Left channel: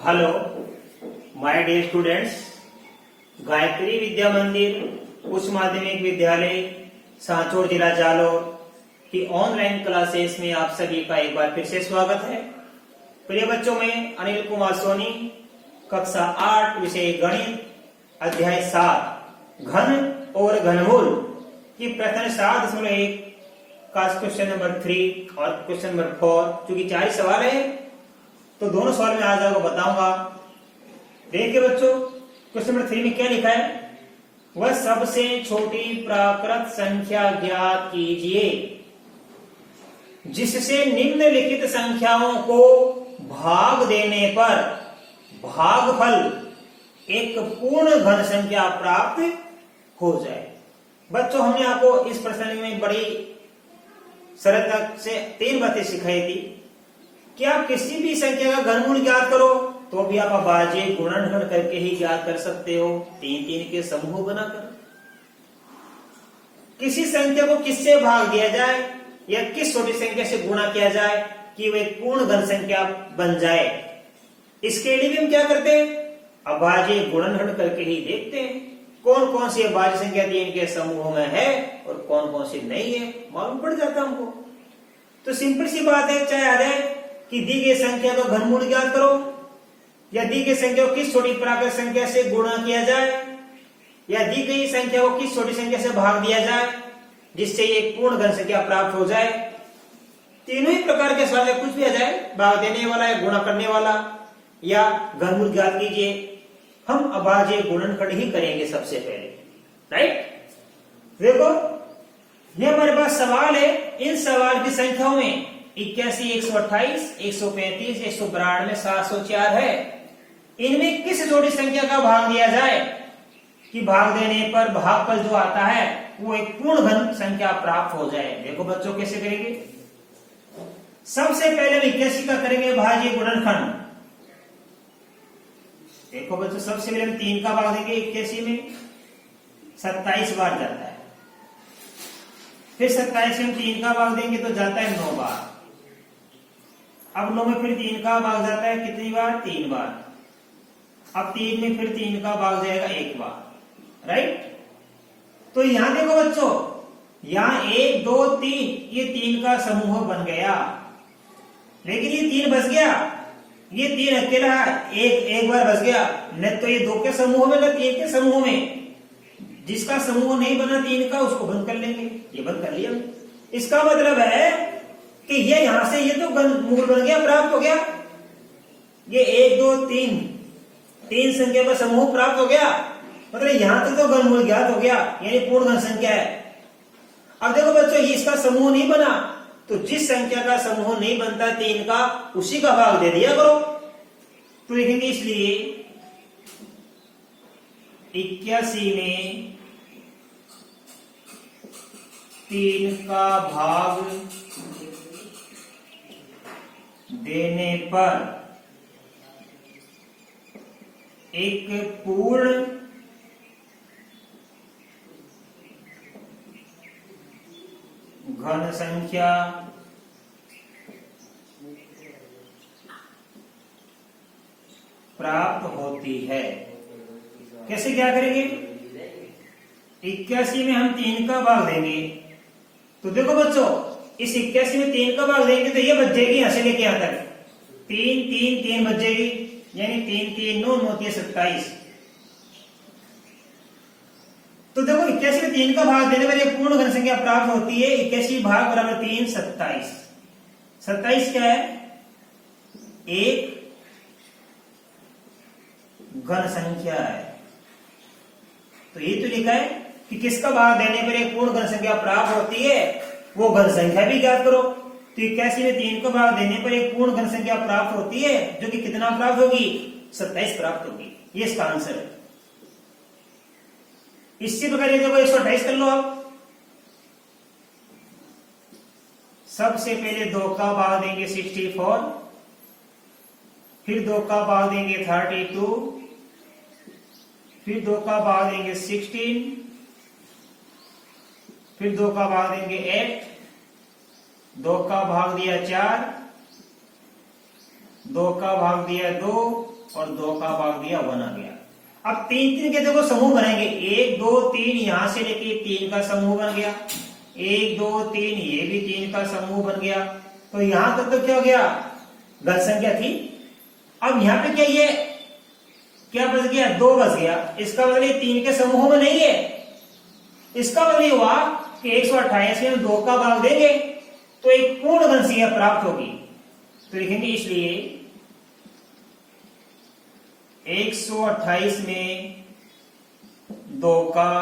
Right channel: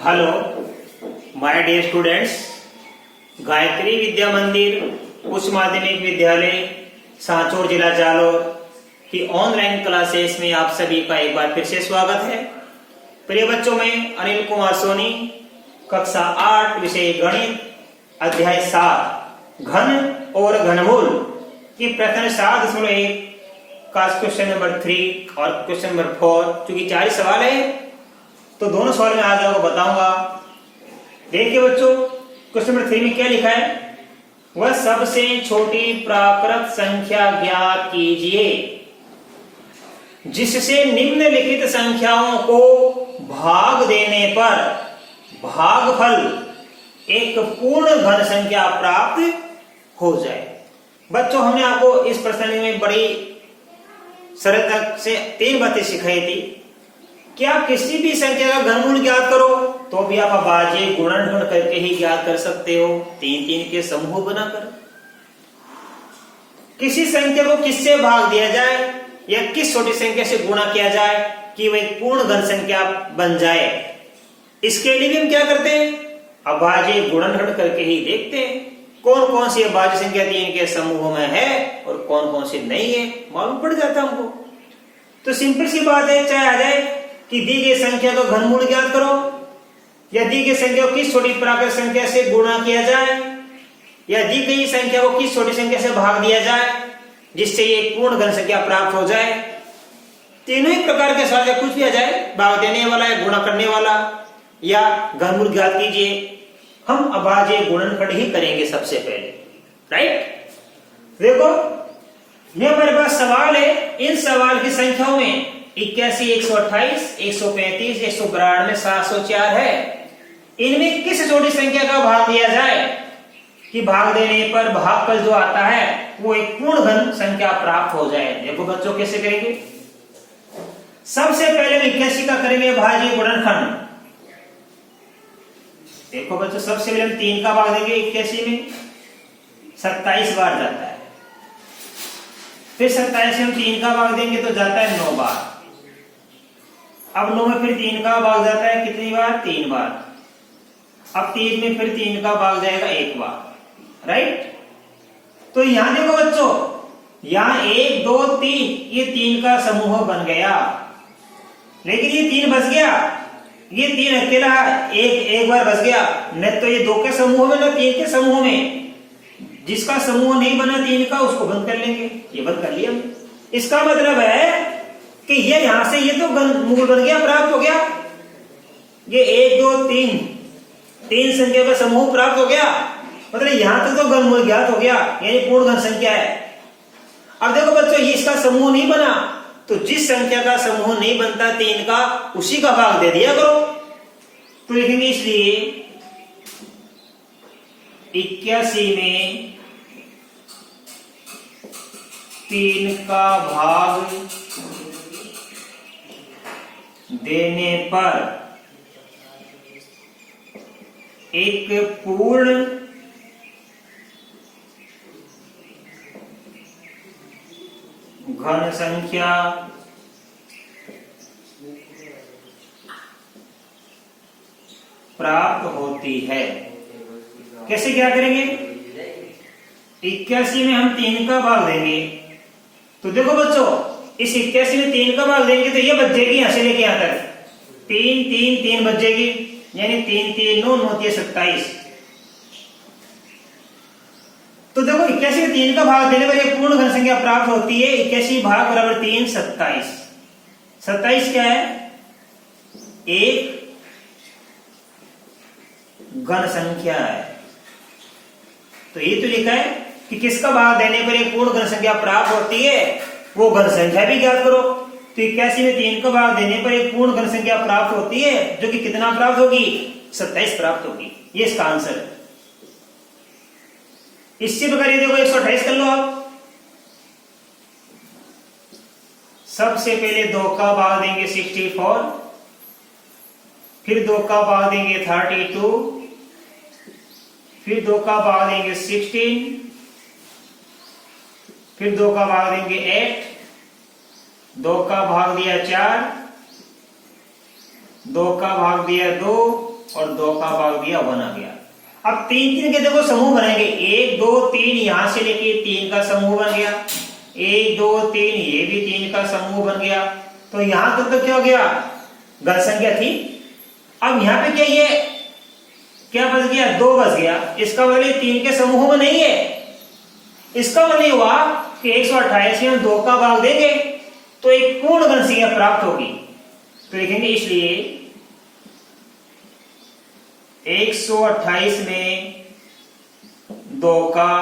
Hello my dear students, Gayatri Vidya Mandir उच्च माध्यमिक विद्यालय सांचौर जिला जालोर की ऑनलाइन क्लासेस में आप सभी का एक बार फिर से स्वागत है। प्रिय बच्चों, मैं अनिल कुमार सोनी, कक्षा 8 विषय गणित अध्याय 7 घन और घनमूल की प्रश्न 7.1 का क्वेश्चन नंबर 3 और क्वेश्चन नंबर 4, चूंकि 4 सवाल है तो दोनों सवाल में आज आपको बताऊंगा। देखिए बच्चों, क्वेश्चन नंबर 3 में क्या लिखा है, वह सबसे छोटी प्राकृत संख्या ज्ञात कीजिए जिससे निम्नलिखित संख्याओं को भाग देने पर भागफल एक पूर्ण घन संख्या प्राप्त हो जाए। बच्चों, हमने आपको इस प्रश्न में बड़ी सरलता से 3 बातें सिखाई थी कि आप किसी भी संख्या का घनमूल ज्ञात करो तो भी आप अभाज्य गुणनखंड करके ही ज्ञात कर सकते हो, 3-3 के समूह बनाकर। किसी संख्या को किससे भाग दिया जाए या किस छोटी संख्या से गुणा किया जाए कि वह एक पूर्ण घन संख्या बन जाए, इसके लिए भी हम क्या करते हैं, अभाज्य गुणनखंड करके ही देखते हैं कौन कौन सी अभाज्य संख्या 3 के समूह में है और कौन कौन सी नहीं है, मालूम पड़ जाता हमको। तो सिंपल सी बात है, चाहे आ जाए कि दी गई संख्या को घनमूल ज्ञात करो या दी गई संख्या को किस छोटी प्राकृत संख्या से गुणा किया जाए या दी गई संख्या को किस छोटी संख्या से भाग दिया जाए जिससे ये पूर्ण घन संख्या प्राप्त हो जाए। तीनों ही प्रकार के सवाल कुछ भी आ जाए, भाग देने वाला या गुणा करने वाला या घनमूल ज्ञात कीजिए, हम अभाज्य गुणनखंड ही करेंगे सबसे पहले। राइट, देखो ये हमारे पास सवाल है, इन सवाल की संख्याओं में 81, 128, 135, 192, 704 है। इनमें किस छोटी संख्या का भाग दिया जाए कि भाग देने पर भागफल जो आता है वो एक पूर्ण घन संख्या प्राप्त हो जाए। देखो बच्चों, कैसे करेंगे, सबसे पहले 81 का करेंगे भाज्य गुणनखंड। देखो बच्चों, सबसे पहले हम 3 का भाग देंगे 81 में, 27 बार जाता है। फिर 27 में हम 3 का भाग देंगे तो जाता है 9 बार। अब 9 में फिर 3 का भाग जाता है कितनी बार, 3 बार। अब 3 में फिर 3 का भाग जाएगा 1 बार। राइट, तो यहां देखो बच्चों, यहां 1 2 3 ये 3 का समूह बन गया, लेकिन ये 3 बच गया, ये 3 अकेला एक बार बच गया, न तो ये 2 के समूह में न 3 के समूह में। जिसका समूह नहीं बना 3 का उसको बंद कर लेंगे, ये बंद कर लिया। इसका मतलब है कि ये यहां से ये तो घनमूल बन गया, प्राप्त हो गया, ये 1 2 3 संख्या का समूह प्राप्त हो गया, मतलब यहां तक तो घनमूल ज्ञात हो गया, यानी पूर्ण घन संख्या है। अब देखो बच्चों, ये इसका समूह नहीं बना तो जिस संख्या का समूह नहीं बनता 3 का, उसी का भाग दे दिया करो। तो लिखेंगे इसलिए 81 में 3 का भाग देने पर एक पूर्ण घन संख्या प्राप्त होती है। कैसे क्या करेंगे, 81 में हम 3 का भाग देंगे तो देखो बच्चों, इस 81 में 3 का भाग देंगे तो ये बच जाएगी यहां से लेके यहां तक 3 3 3 बच जाएगी, यानी 3 3 9 9 3 27। तो देखो 81 में 3 का भाग देने पर एक पूर्ण घन संख्या प्राप्त होती है। 81 भाग बराबर 3 27। 27 क्या है, एक घन संख्या है। तो ये तो लिखा है कि किसका भाग देने पर एक पूर्ण घन संख्या प्राप्त होती है, वो घन संख्या भी ज्ञात करो। तो 81 में 3 का भाग देने पर एक पूर्ण घन संख्या प्राप्त होती है, जो कि कितना प्राप्त होगी, 27 प्राप्त होगी। ये इसका आंसर है। इसी प्रकार ये देखो 128 कर लो आप। सबसे पहले 2 का भाग देंगे 64, फिर 2 का भाग देंगे 32, फिर 2 का भाग देंगे 16, फिर 2 का भाग देंगे 8, 2 का भाग दिया 4, 2 का भाग दिया 2, और 2 का भाग दिया 1 आ गया। अब 3 3 के देखो समूह बनेंगे, 1 2 3 यहां से लेके 3 का समूह बन गया, 1 2 3 ये भी 3 का समूह बन गया। तो यहां तक तो क्या हो गया, घन संख्या थी। अब यहां पे क्या ये क्या बच गया, 2 बच गया। इसका मतलब ये 3 के समूह में नहीं है। इसका मतलब हुआ कि 128 में हम 2 का भाग देंगे तो एक पूर्ण घन संख्या प्राप्त होगी। तो लिखेंगे इसलिए 128 में 2 का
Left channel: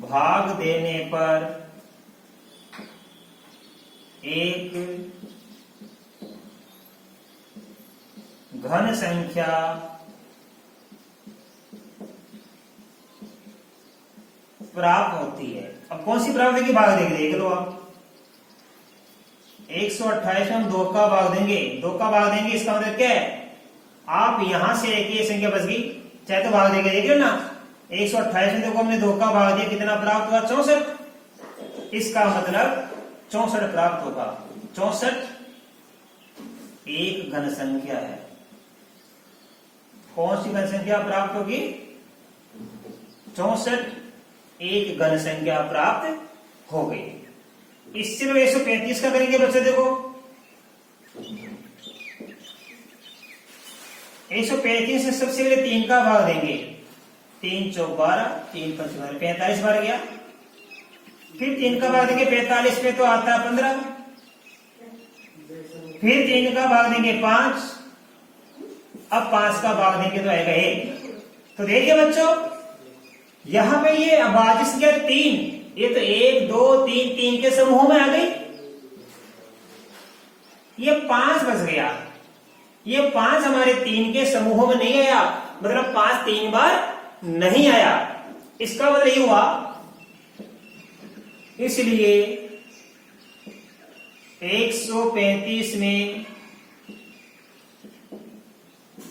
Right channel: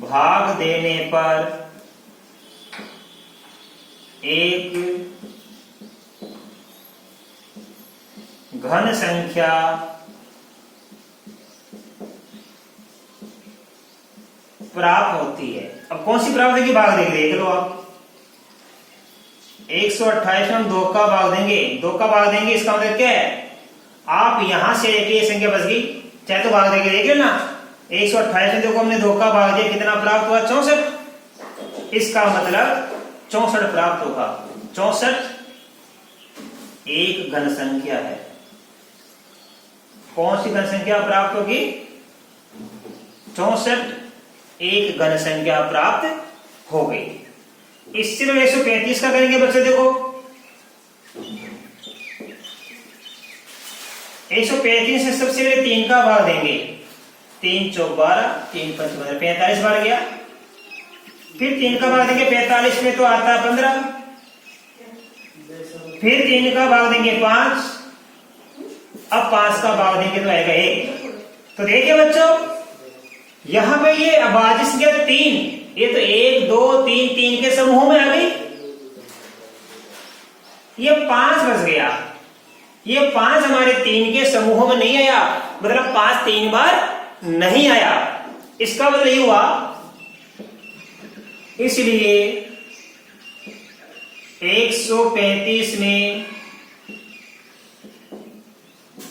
भाग देने पर एक घन संख्या प्राप्त होती है। अब कौन सी प्राप्त होगी, भाग देख लो आप। 128 में हम 2 का भाग देंगे, 2 का भाग देंगे इसका मतलब क्या है, आप यहां से लेके ये संख्या बच गई, चाहे तो भाग देके देख लेना। 128 में देखो हमने 2 का भाग दिया, कितना प्राप्त हुआ, 64। इसका मतलब 64 प्राप्त होगा। 64 एक घन संख्या है। कौन सी घन संख्या प्राप्त होगी, 64 एक घन संख्या प्राप्त हो गई। इससे 135 का करेंगे बच्चों, देखो 135 से सबसे पहले 3 का भाग देंगे, 3 चौक 12, 3 5 12, 45 बार गया। फिर 3 का भाग देंगे 45 में तो आता है 15। फिर 3 का भाग देंगे 5, अब 5 का भाग देंगे तो आएगा 1। तो देखिए बच्चों यहां पे ये अभाज्य संख्या 3, ये तो 1 2 3 3 के समूह में आ गई। ये 5 बच गया, ये 5 हमारे 3 के समूह में नहीं आया, मतलब 5 3 बार नहीं आया। इसका मतलब ये हुआ, इसलिए 135 में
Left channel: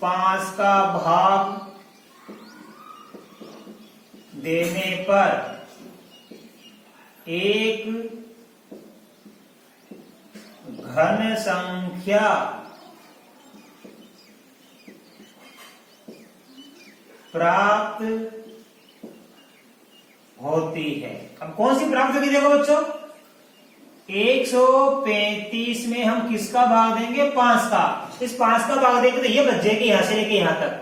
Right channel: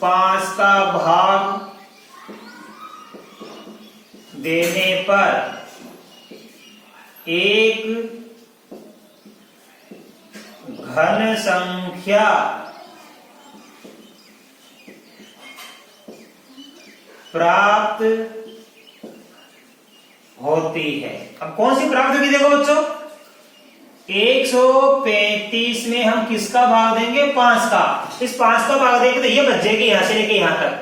5 का भाग देने पर एक घन संख्या प्राप्त होती है। अब कौन सी प्राप्त होगी, देखो बच्चों 135 में हम किसका भाग देंगे, 5 का। इस 5 का भाग देंगे तो ये बच जाएगी यहां से लेके यहां तक,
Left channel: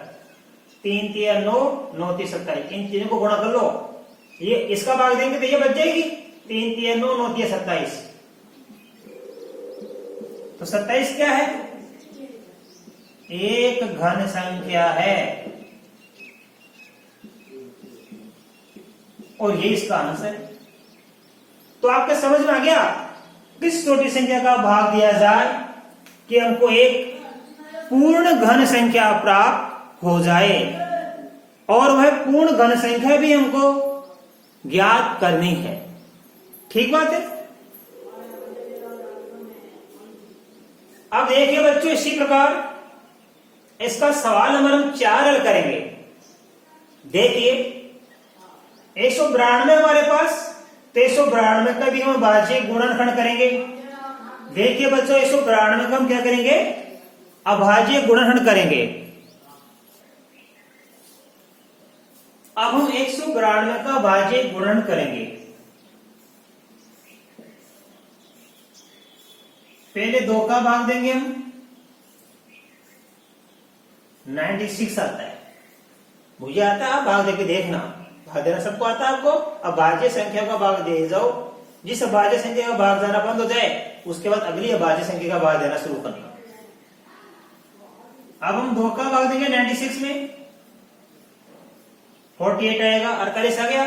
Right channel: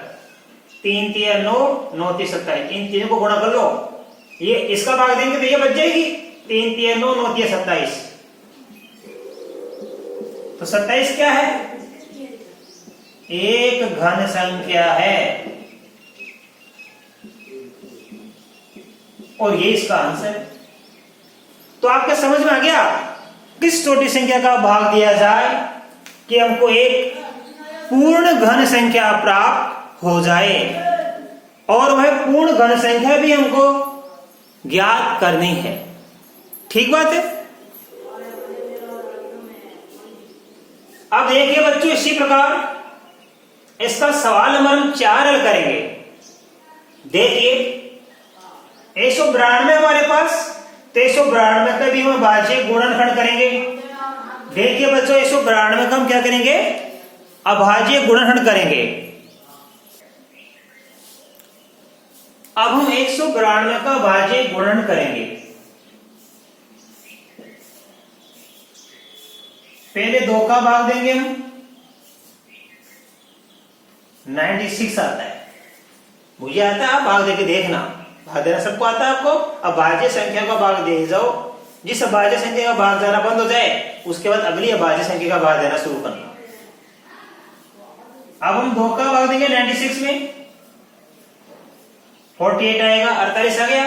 3 3 9 9 3 27, इन तीनों को गुणा कर लो। ये इसका भाग देंगे तो ये बच जाएगी, 3 3 9 9 3 27। तो 27 क्या है, एक घन संख्या है, और ये इसका आंसर। तो आपके समझ में आ गया किस छोटी संख्या का भाग दिया जाए कि हमको एक पूर्ण घन संख्या प्राप्त हो जाए, और वह पूर्ण घन संख्या भी हमको ज्ञात करनी है। ठीक बात है। अब देखिए बच्चों इसी प्रकार इसका सवाल नंबर हम 4 हल करेंगे। देखिए 192 हमारे पास, तो 192 का भी हम भाज्य गुणनखंड करेंगे। देखिए बच्चों 192 का हम क्या करेंगे, अभाज्य गुणनखंड करेंगे। अब हम 192 का भाज्य गुणन करेंगे। पहले 2 का भाग देंगे हम, 96 आता है, मुझे आता है, आप भाग देके देखना, भाग देना सबको आता है आपको। अब भाज्य संख्या का भाग दे जाओ, जिस अभाज्य संख्या का भाग जाना बंद हो जाए उसके बाद अगली अभाज्य संख्या का भाग देना शुरू करना। अब हम 2 का भाग देंगे 96 में, 48 आएगा, 48 आ गया।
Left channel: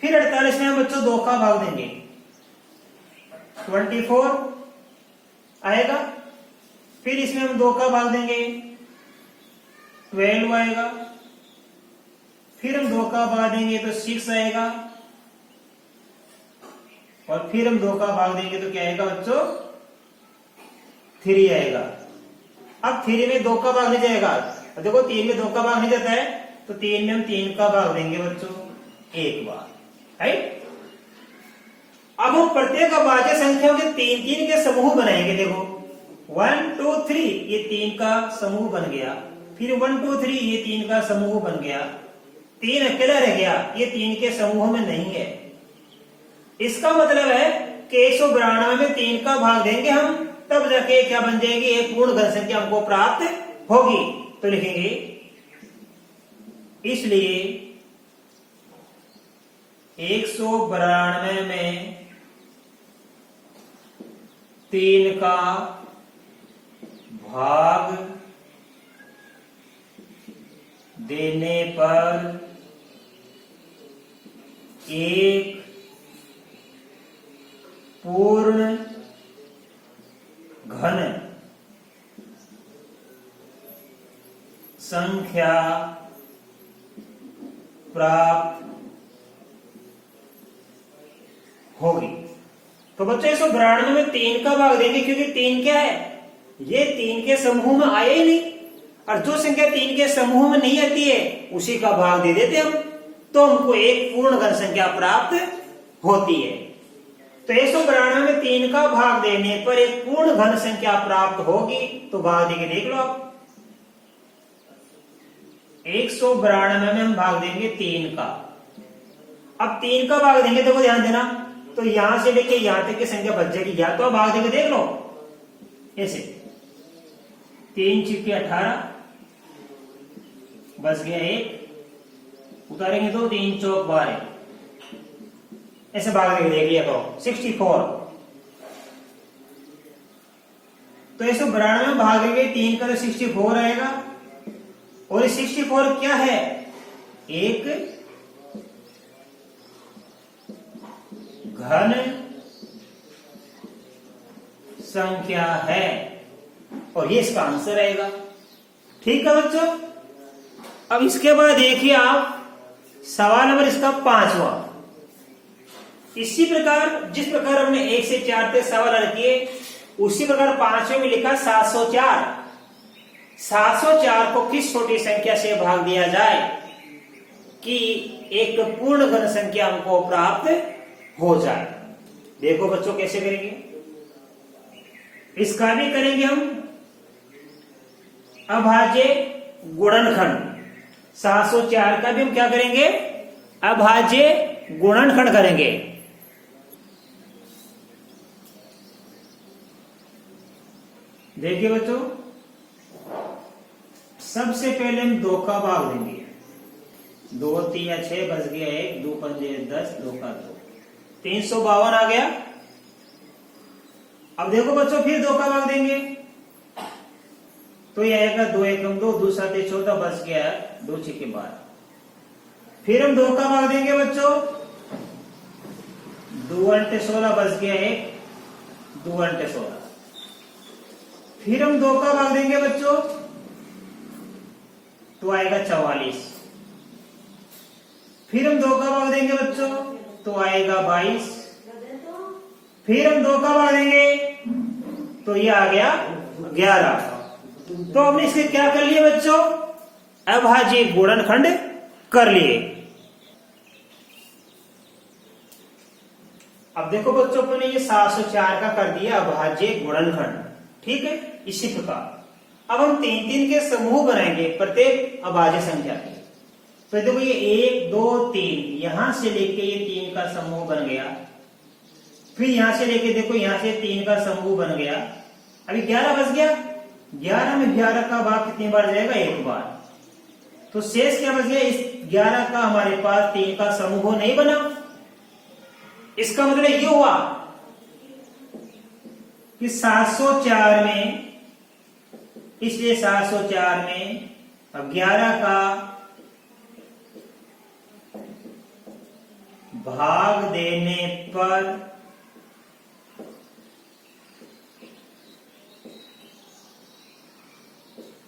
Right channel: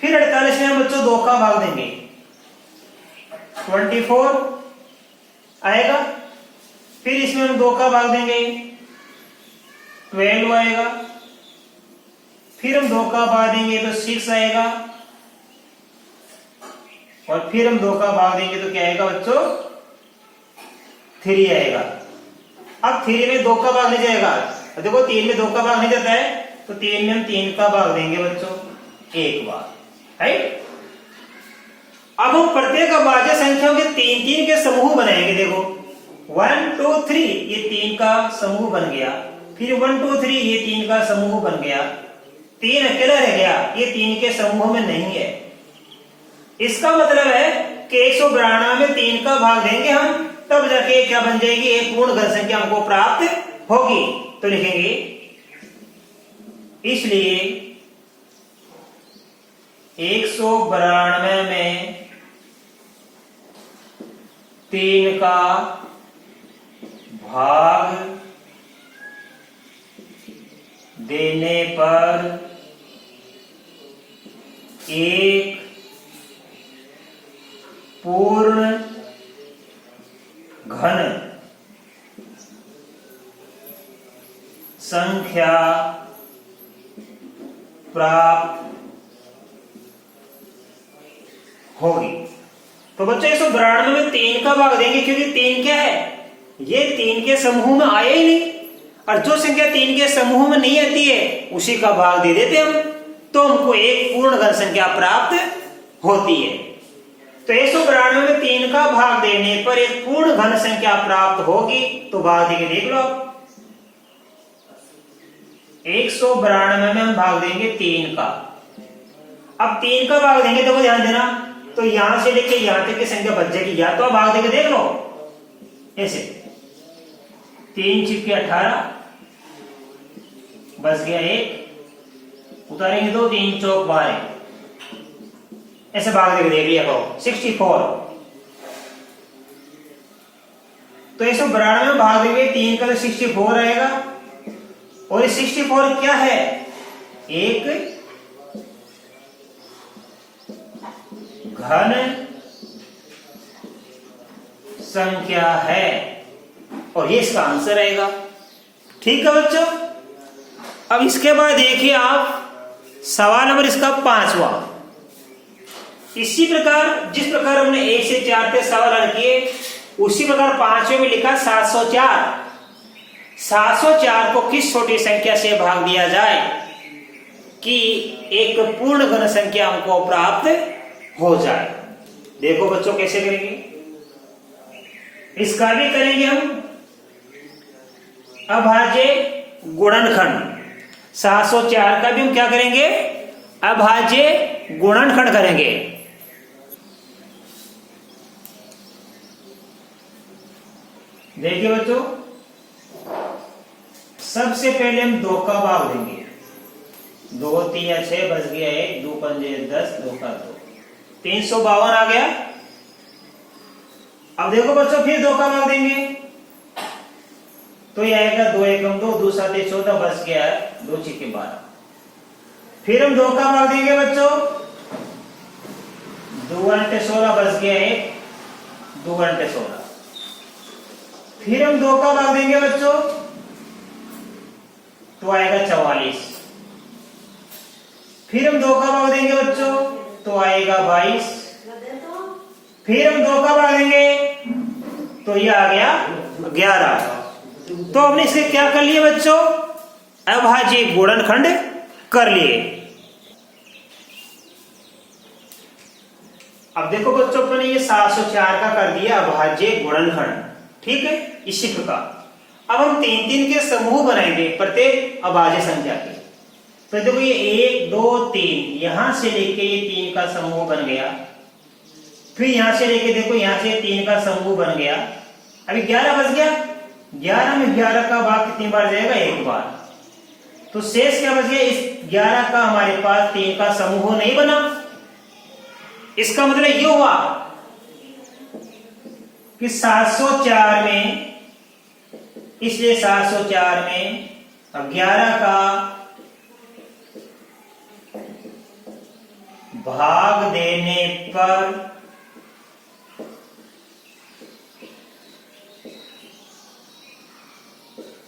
फिर 48 में हम बच्चों 2 का भाग देंगे, 24 आएगा। फिर इसमें हम 2 का भाग देंगे, 12 आएगा। फिर हम 2 का भाग देंगे तो 6 आएगा, और फिर हम 2 का भाग देंगे तो क्या आएगा बच्चों, 3 आएगा। अब 3 में 2 का भाग नहीं जाएगा, देखो 3 में 2 का भाग नहीं जाता है, तो 3 में हम 3 का भाग देंगे बच्चों एक बार, राइट। अब हम प्रत्येक अभाज्य संख्याओं के 3-3 के समूह बनाएंगे। देखो 1 2 3 ये 3 का समूह बन गया, फिर 1 2 3 ये 3 का समूह बन गया, 3 अकेला रह गया, ये 3 के समूह में नहीं है। इसका मतलब है कि 192 में 3 का भाग देंगे हम, तब जाके क्या बन जाएगी, एक पूर्ण घन संख्या हमको प्राप्त होगी। तो लिखेंगे इसलिए 192 में 3 का भाग देने पर एक पूर्ण घन संख्या प्राप्त होगी। तो बच्चों 192 में 3 का भाग देंगे, क्योंकि 3 क्या है, ये 3 के समूह में आए ही नहीं, और जो संख्या 3 के समूह में नहीं आती है उसी का भाग दे देते हम, तो हमको एक पूर्ण घन संख्या प्राप्त होती है। तो 192 में 3 का भाग देने पर एक पूर्ण घन संख्या प्राप्त होगी। तो भाग देके देख लो, 192 में हम भाग देंगे 3 का। अब 3 का भाग देंगे, देखो ध्यान देना, तो यहां से लेके यहां तक की संख्या बच जाएगी, या तो आप भाग देके देख लो ऐसे, 3 चिपके 18 बच गया 1, उतारेंगे 2, 3 चौक 12, ऐसे भाग देके देख लिया करो 64। तो 192 में भाग देंगे 3 का, तो 64 आएगा, और 64 क्या है, एक घन संख्या है, और ये इसका आंसर आएगा। ठीक है बच्चों। अब इसके बाद देखिए आप सवाल नंबर इसका 5वां। इसी प्रकार जिस प्रकार हमने 1 से 4 तक सवाल हल किए, उसी प्रकार 5वें में लिखा 704। 704 को किस छोटी संख्या से भाग दिया जाए कि एक पूर्ण घन संख्या हमको प्राप्त हो जाए। देखो बच्चों कैसे करेंगे, इसका भी करेंगे हम अभाज्य गुणनखंड। 704 का भी हम क्या करेंगे, अभाज्य गुणनखंड करेंगे। देखिए बच्चों, सबसे पहले हम 2 का भाग देंगे, 2 3 या 6 बच गया 1, 2 पंजे 10, 2 का 2, 352 आ गया। अब देखो बच्चों फिर 2 का भाग देंगे, तो ये आएगा 2 एकम 2, 2 7 14 बच गया 2 6 12। फिर हम 2 का भाग देंगे बच्चों, 2 8 16 बच गया 1, 2 8 16। फिर हम 2 का भाग देंगे बच्चों, तो आएगा 44। फिर हम 2 का भाग देंगे बच्चों, तो आएगा 22। फिर हम 2 का भाग देंगे, तो ये आ गया 11। तो हमने इसे क्या कर लिया बच्चों, अभाज्य गुणनखंड कर लिए। अब देखो बच्चों, अपने ये 704 का कर दिया अभाज्य गुणनखंड। ठीक है, इसी प्रकार अब हम 3-3 के समूह बनाएंगे प्रत्येक अभाज्य संख्या के। तो देखो ये 1 2 3 यहां से लेके ये 3 का समूह बन गया, फिर यहां से लेके देखो यहां से 3 का समूह बन गया। अभी 11 बच गया, 11 में 11 का भाग कितनी बार जाएगा, 1 बार। तो शेष क्या बच गया, इस 11 का हमारे पास 3 का समूह नहीं बना। इसका मतलब ये हुआ कि 704 में, इसलिए 704 में अब 11 का भाग देने पर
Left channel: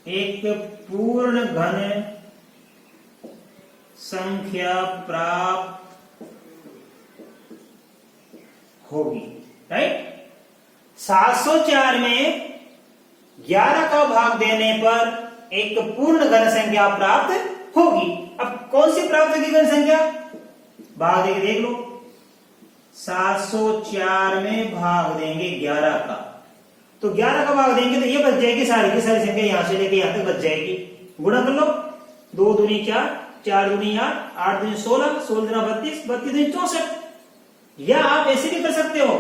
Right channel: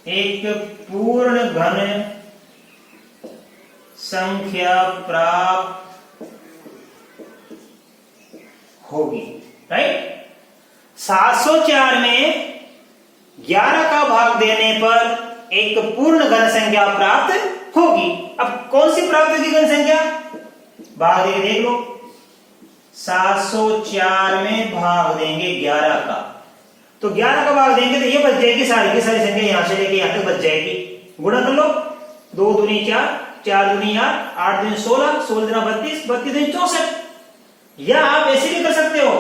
एक पूर्ण घन संख्या प्राप्त होगी। राइट, 704 में 11 का भाग देने पर एक पूर्ण घन संख्या प्राप्त होगी। अब कौन सी प्राप्त होगी घन संख्या, भाग देके देख लो। 704 में भाग देंगे 11 का, तो 11 का भाग देंगे तो ये बच जाएगी, सारी की सारी संख्या यहां से लेके यहां तक बच जाएगी। गुणा कर लो, 2 दूनी 4, 4 दूनी 8, 8 दूनी 16, 16 दूनी 32, 32 दूनी 64। या आप ऐसे भी कर सकते हो,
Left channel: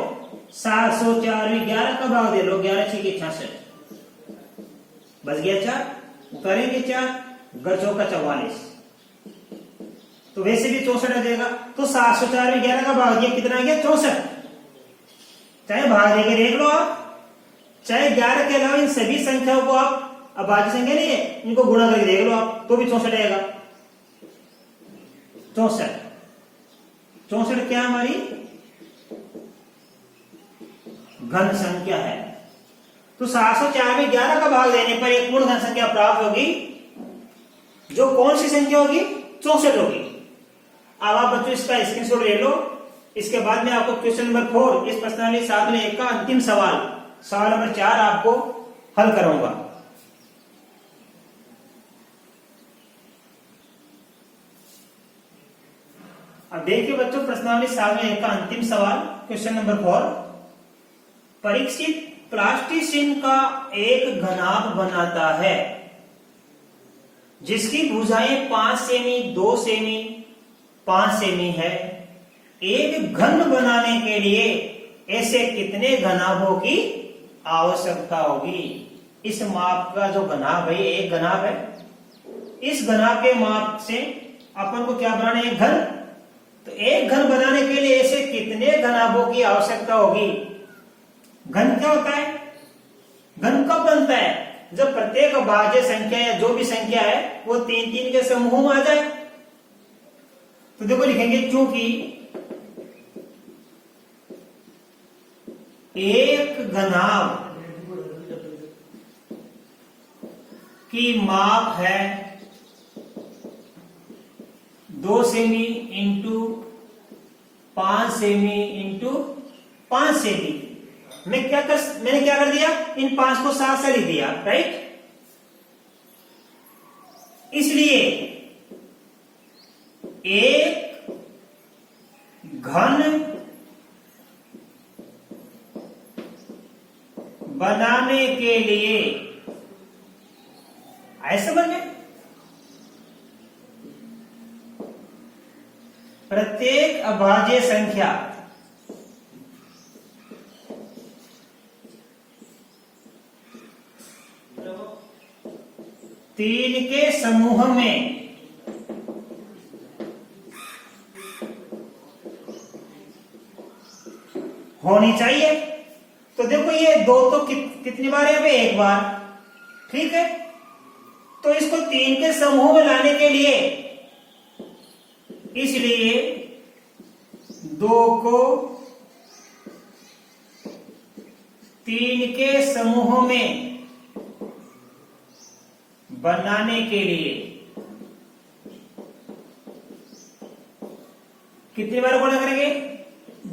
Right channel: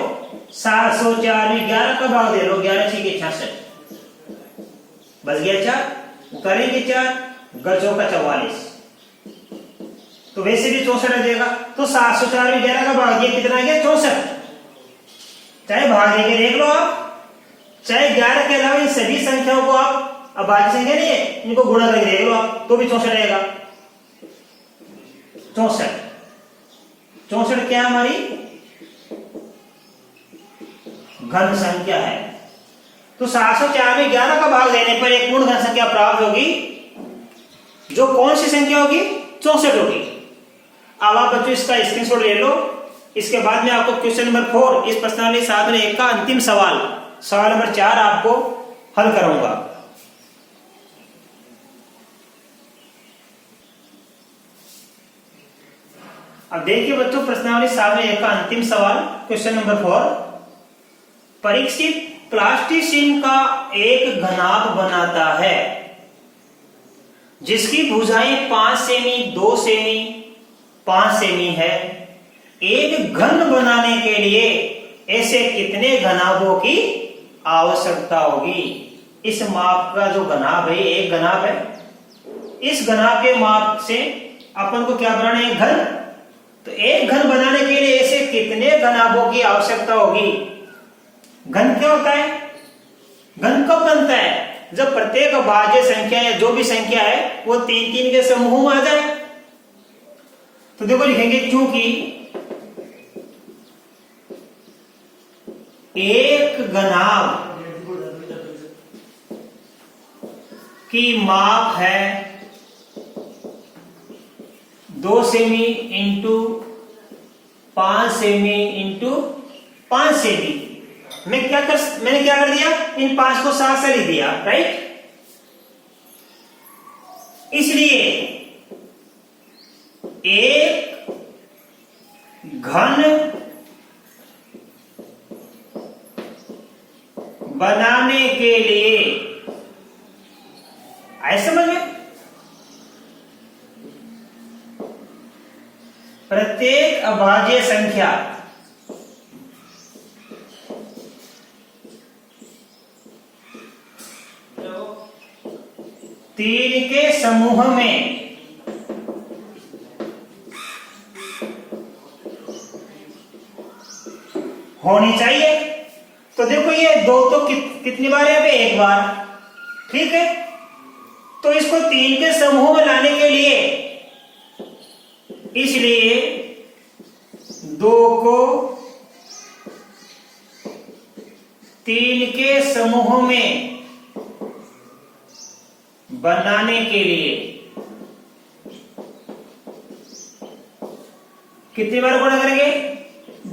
704 में 11 का भाग दे लो, 11 6 के 66, बच गया 4, करेंगे 4, गचों का 44, तो वैसे भी 64 आ जाएगा। तो 704 में 11 का भाग दिया, कितना आ गया 64। चाहे भाग देके देख लो आप, चाहे 11 के अलावा इन सभी संख्याओं को आप, अब बाकी संख्या नहीं है, इनको गुणा करके देख लो आप, तो भी 64 आएगा। 64, 64 क्या हमारी घन संख्या है। तो 704 में 11 का भाग देने पर एक पूर्ण घन संख्या प्राप्त होगी, जो कौन सी संख्या होगी, 64 होगी। अब आप बच्चों इसका स्क्रीनशॉट ले लो। इसके बाद में आपको क्वेश्चन नंबर 4 इस प्रश्नावली साधन 1 का अंतिम सवाल, सवाल नंबर 4 आपको हल कराऊंगा। अब देखिए बच्चों, प्रश्नावली साधन 1 का अंतिम सवाल, क्वेश्चन नंबर 4। परीक्षित प्लास्टिसिन का एक घनाभ बनाता है जिसकी भुजाएं 5 सेमी, 2 सेमी, 5 सेमी है। एक घन बनाने के लिए ऐसे कितने घनाभों की आवश्यकता होगी। इस माप का जो घनाभ है, एक घनाभ है, इस घनाभ के माप से अपन को क्या बनाना है, घन। तो एक घन बनाने के लिए ऐसे कितने घनाभों की आवश्यकता होगी। घन क्या होता है, घन कब बनता है, जब प्रत्येक अभाज्य संख्या या जो भी संख्या है वो 3 3 के समूह में आ जाए। तो देखो लिखेंगे, क्योंकि एक घनाभ की माप है 2 semi into 5 semi into 5 semi. मैंने क्या कर दिया, इन 5 को 7 से लिख दिया, राइट। इसलिए एक घन बनाने के लिए, ऐसे समझ में, प्रत्येक अभाज्य संख्या तीन के समूह में होनी चाहिए। तो देखो ये 2 तो कितनी बार है, एक बार, ठीक है। तो इसको 3 के समूह में लाने के लिए, इसलिए 2 को 3 के समूह में बनाने के लिए कितनी बार गुणा करेंगे,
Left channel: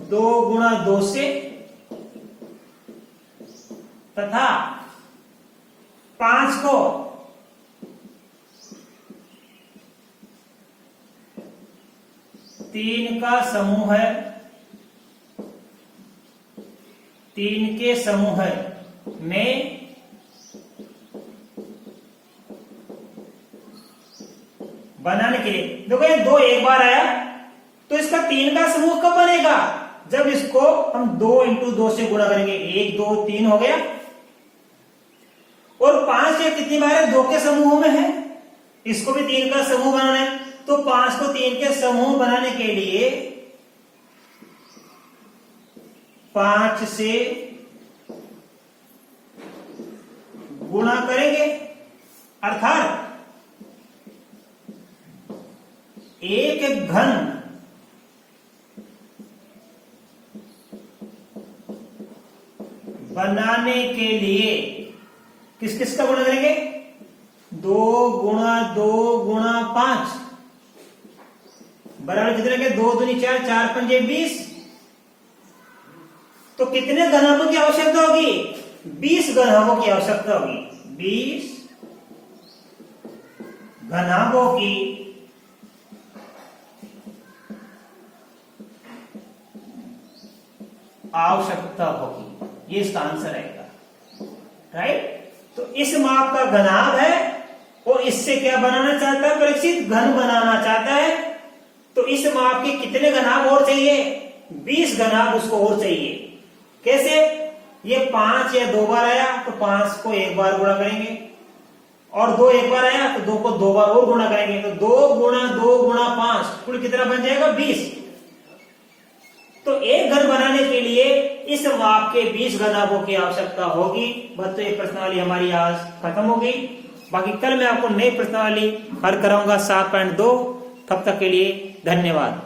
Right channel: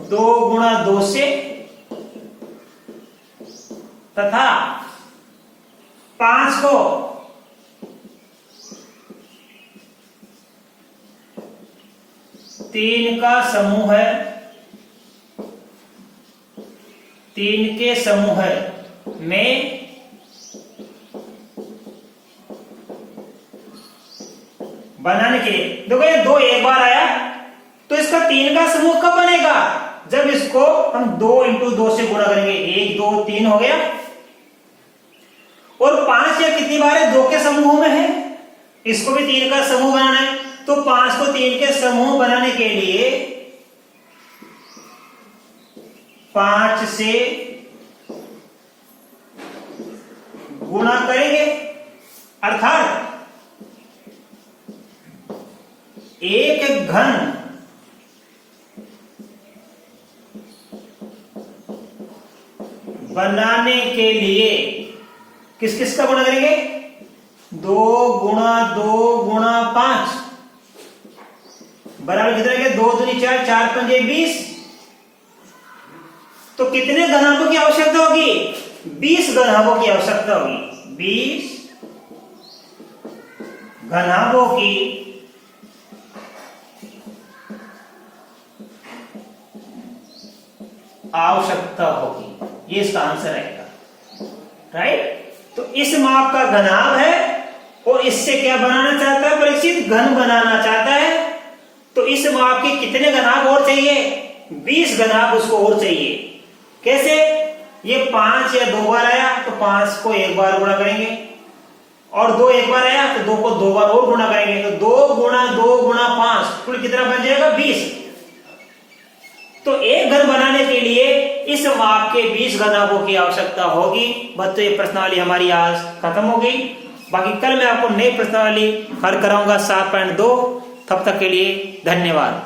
2 गुणा 2 से, तथा 5 को 3 का समूह है, 3 के समूह में बनाने के लिए। देखो ये 2 एक बार आया, तो इसका 3 का समूह कब बनेगा, जब इसको हम 2 इंटू 2 से गुणा करेंगे। 1 2 3 हो गया। और 5 ये कितनी बार है, 2 के समूह में है, इसको भी 3 का समूह बनाना है। तो 5 को 3 के समूह बनाने के लिए 5 से गुणा करेंगे, अर्थात एक घन बनाने के लिए किस किस का गुणा करेंगे, 2 गुणा 2 गुणा 5 बराबर कितना है, 2 दूनी 4, 4 पंजे 20। तो कितने घनाभों की आवश्यकता होगी, 20 घनाभों की आवश्यकता होगी। 20 घनाभों की आवश्यकता होगी। ये इसका आंसर आएगा, राइट। तो इस माप का घनाभ है और इससे क्या बनाना चाहता है परीक्षित, घन बनाना चाहता है। तो इस माप के कितने घनाभ और चाहिए, 20 घनाभ उसको और चाहिए। कैसे, ये 5 या 2 बार आया तो 5 को 1 बार गुणा करेंगे, और 2 1 बार आया तो 2 को 2 बार और गुणा करेंगे। तो 2 गुणा 2 गुणा 5 कुल कितना बन जाएगा, 20। तो एक घन बनाने के लिए इस माप के 20 घनाभों की आवश्यकता होगी। बच्चों, ये प्रश्नावली हमारी आज खत्म होगी। बाकी कल मैं आपको नई प्रश्नावली हल कराऊंगा 7.2। तब तक के लिए धन्यवाद।